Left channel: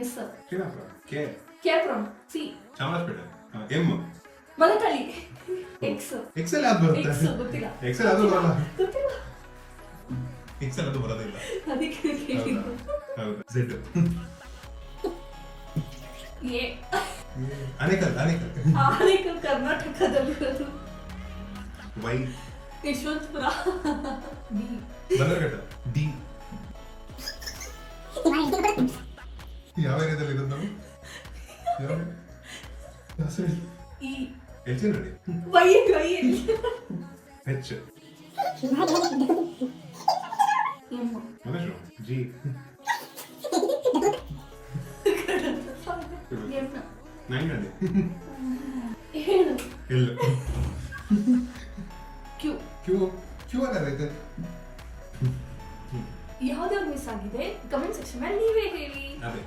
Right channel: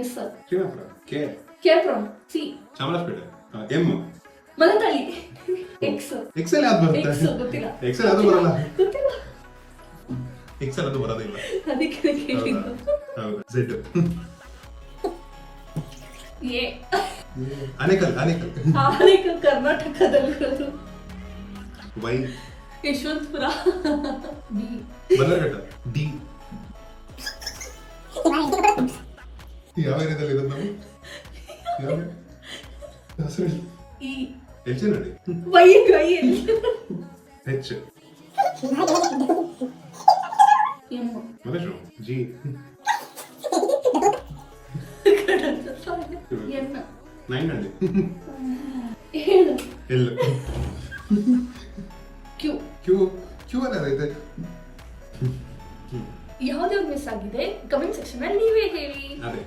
S sir. Srirampura. K. ಕೇರ್ಪುರಂ. C. Chamarajpet. M. ಮಲತಾಳಿ. X. ಎಕ್ಸೆಲ್ ಯಾವ್ದು ಬರುತ್ತೆ? ಎಕ್ಸ್ ಗೊತ್ತಿಲ್ಲ. ಎಕ್ಸೆಲ್ ಅದು ಬರಲ್ಲ. ಗೊತ್ತಿಲ್ಲ. ಎಕ್ಸೆಲ್ ಅದು ಬರೋದೇ ಇಲ್ಲ. ಅದಕ್ಕೆ ಕೇಳಿದ್ದು. ಹೌದಾ? ಝೆಡ್. ಎ. ಆನೇಕಲ್. ಆನೇಕಲ್ ಕರ್ನಾಟಕದಲ್ಲಿರೋದು. Y. Yeshwanthpur. D. Bannerghatta. D. ಯಾವ ಏರಿಯಾದಲ್ಲಿ ಇರೋದು ನಾವು? ಯಾವ ಹೆಸರು? ಇ. ಎಚ್ ನೋಡಿ. Y. H. M. Malleshwara. G. N. ನಂಗಂಡಿ. ಏಳು. ಎಲ್. ಕ್ಯೂ. ಕ್ಯೂ ಅನ್ನೋದೈತೆ. ಯಾವ್ದಾದ್ರು ಮಿಸ್ ಆಗಿದೆ ಕಮೆಂಟ್ ಸೆಕ್ಷನ್ ಅಲ್ಲಿ ನೀವೇ ಹೇಳಿ. ಅದೇ